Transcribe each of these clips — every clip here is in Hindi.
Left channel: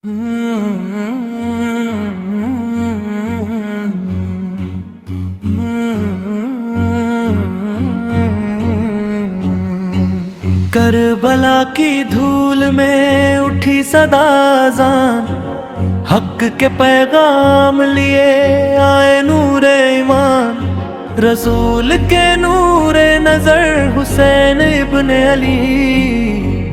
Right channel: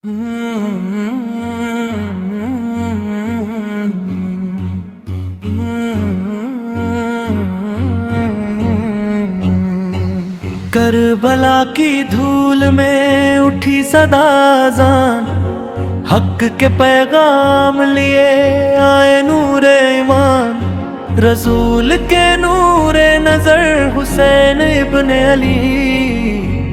करबला की धूल में उठी सदा अज़ान, हक के पैगाम लिए आए नूरे ईमान। रसूल के नूरे नजर हुसैन इब्ने अली,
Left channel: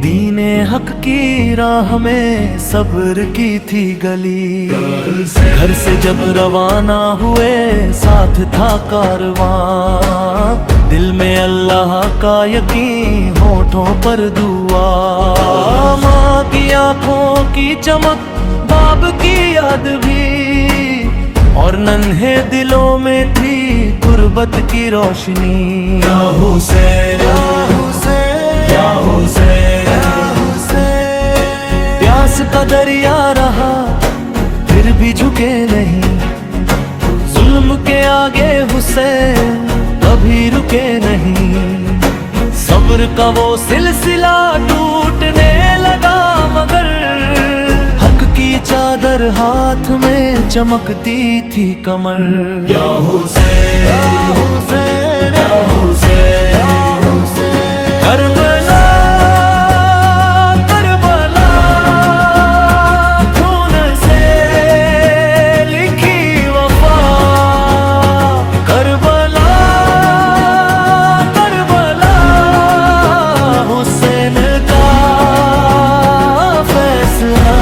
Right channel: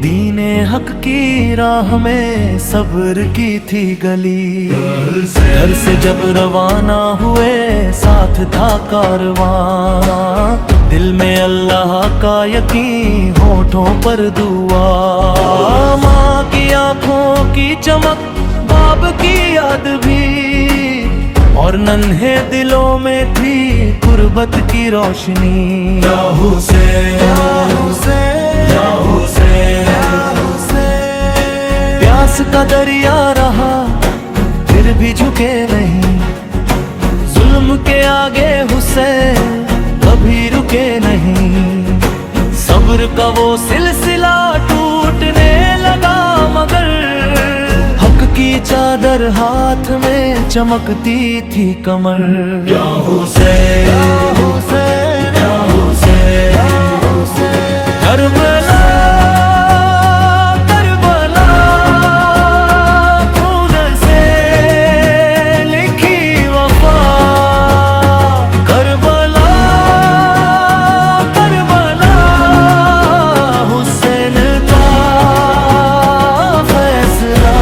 दीने हक की राह में सब्र की थी गली। घर से जब रवाना हुए साथ था कारवां, दिल में अल्लाह का यकीन होठों पर दुआ। माँ की आंखों की चमक, बाप की याद भी, और नन्हे दिलों में थी गुर्बत की रोशनी। या हुसैन या हुसैन या हुसैन या हुसैन। प्यास का दरिया रहा फिर भी झुके नहीं, जुल्म के आगे हुसैन कभी रुके नहीं। सब्र का वो सिलसिला टूटने लगा, मगर हक की चादर हाथ में चमकती थी कमर। या हुसैन या हुसैन या हुसैन या हुसैन। करबला करबला खून से लिखी वफा। करबला करबला हुसैन का फैसला।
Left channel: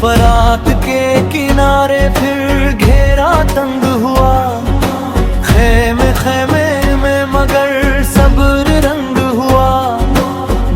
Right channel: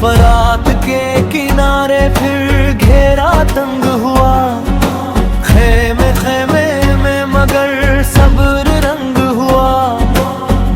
फरात के किनारे फिर घेरा तंग हुआ, खेमे खेमे में मगर सब्र रंग हुआ।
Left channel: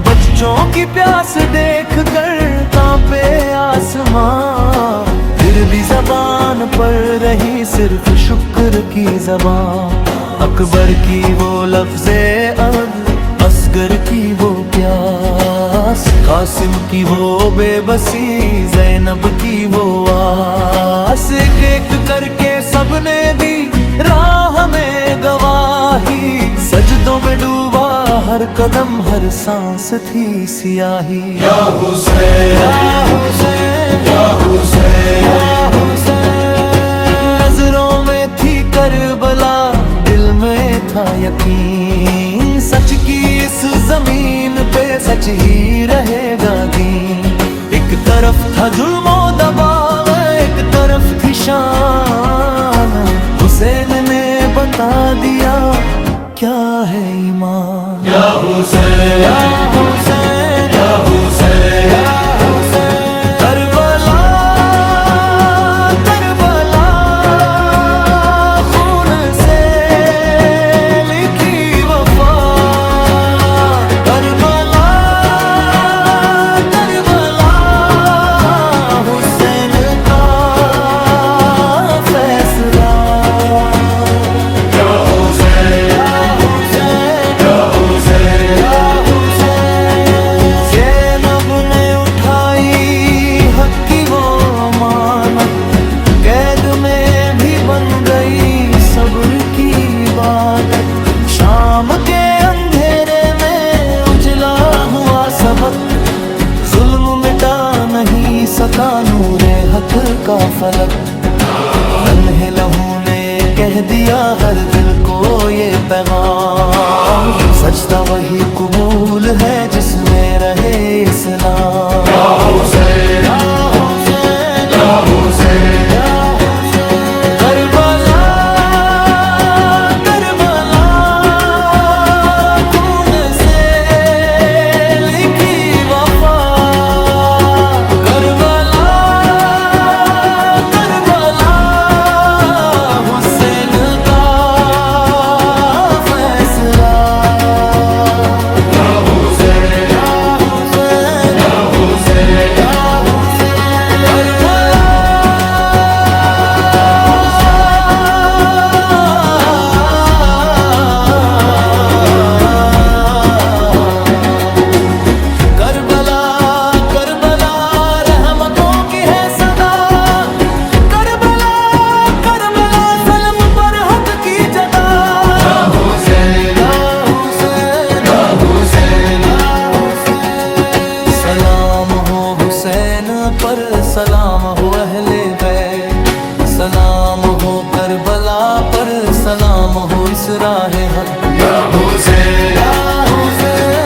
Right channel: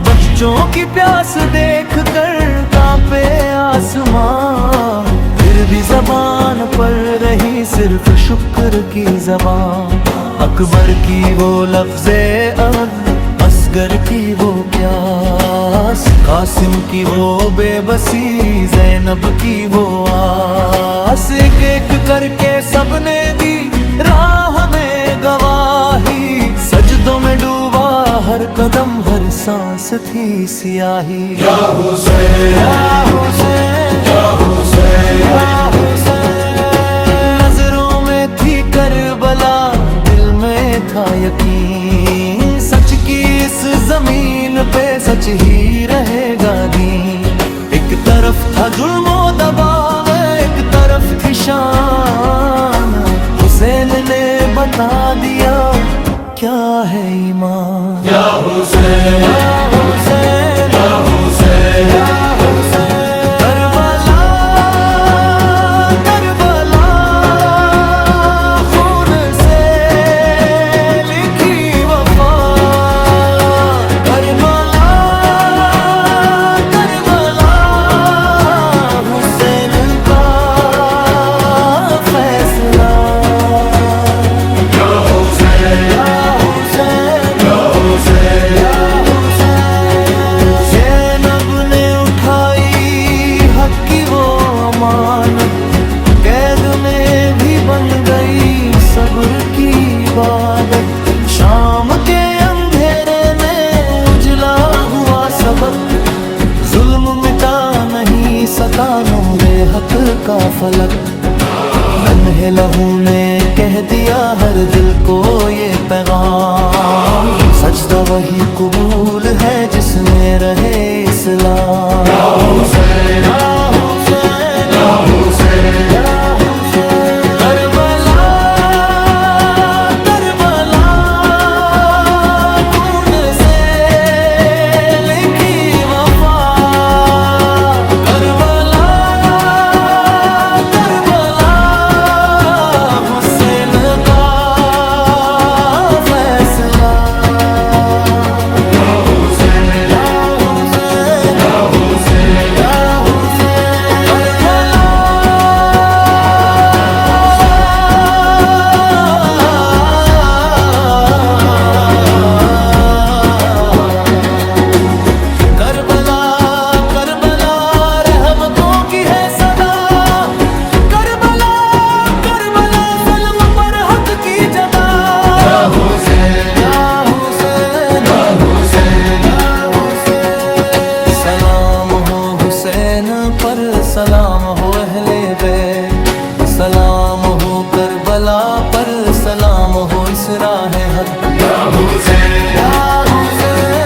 बच्चों की प्यास देख कर कांपे आसमां, फिर भी जबान पर रही सिर्फ शुक्र की जबान। अकबर की वो लफ्ज़े अहद, असगर की वो प्यास, कासिम की वो बेबसी, ज़ैनब की वो आस। एक एक करके सबने दी राह में गवाही, सजदों में डूबा हर कदम, हर सांस थी सियाही। या हुसैन या हुसैन या हुसैन या हुसैन। नजरों में थी करबला, दिल में था यकीन, सच की इस जमीन पे सच ही रहेगा दीन। एक तरफ था जुल्म दबाव, एक तरफ थी शान, हुसैन ने बता दिया क्या है ईमान। या हुसैन या हुसैन या हुसैन या हुसैन। करबला करबला खून से लिखी वफा। करबला करबला हुसैन का फैसला। वो अमानत कैद में भी बन गई सब्र की इबादत। शाम के अंधेरे में उजला हुआ सबक, जुल्म मिटा नहीं सका नूरे हक का फलक। नन्हे लहू ने कह दिया हर दिल को ये पैगाम, सजदा वही कबूल है जिसमें रहे इस्लाम। या हुसैन या हुसैन या हुसैन। करबला करबला खून से लिखी वफा। करबला करबला हुसैन का फैसला। या हुसैन या हुसैन या हुसैन। की जदा। या हुसैन या हुसैन या हुसैन या हुसैन। सलाम हो हुसैन पर, सलाम हो अहले बैत, सलाम हो करबला पर, सलाम हो इस राह हक। या हुसैन या हुसैन